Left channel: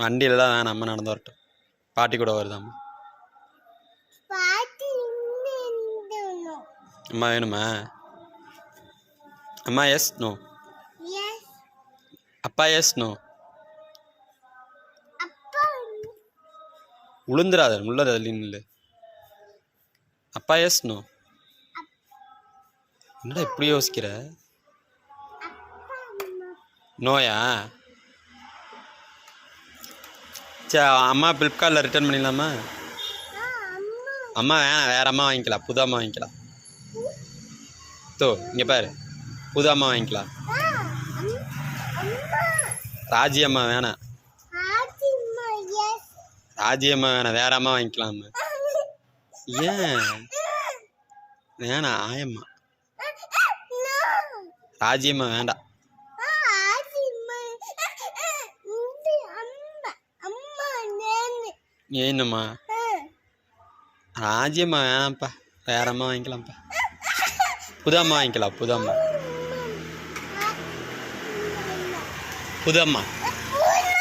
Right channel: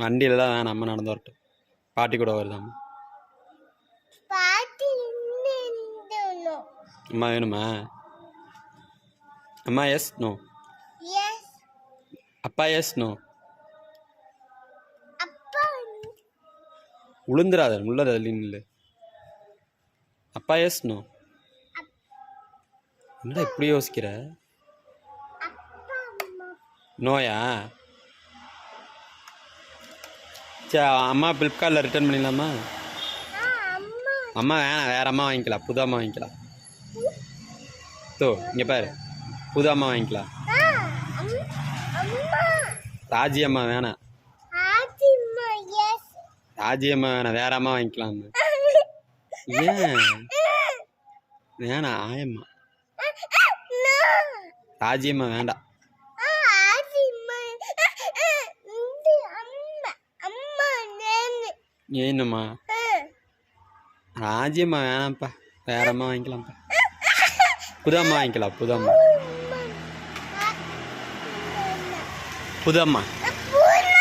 வண்டியில் தான் வேணாம், அம்மா நடந்து வரட்டும். பாட்டி கூட வருதாம்மா. அம்மா வேணுமா? அம்மா எஸ் நோ? அப்பா எஸ் நோ? உளுந்துராத உள்ளது இல்லை. அப்பா எஸ் நோ? என்னடா இப்படி யோசிக்கிற? நோயா? சரி, அம்மா ஃப்ளிப்கார்ட்டில் ரிட்டர்ன் பண்ணிடலாமா? அம்மா வேணாம், வேறு அம்மா வாங்கிக்கலாம், புது அம்மா வாங்கிக்கலாம். தோ இங்கே பாரு, புது அம்மா வாங்கிக்கலாம். ராஜி அம்மா வேணாம், ராஜி அம்மா வேணாம், வேற அம்மா வாங்கிக்கலாம். ஏன் வேணாம்? ஆயம்மா ராஜி அம்மா வேண்டாம். ஏன்னம்மா? ராஜியம்மா வேணாம்ப்பா, வேற அம்மா வாங்கிக்கலாம்ப்பா. புது அம்மா வாங்கிக்கலாம், புது அம்மா. புது அம்மா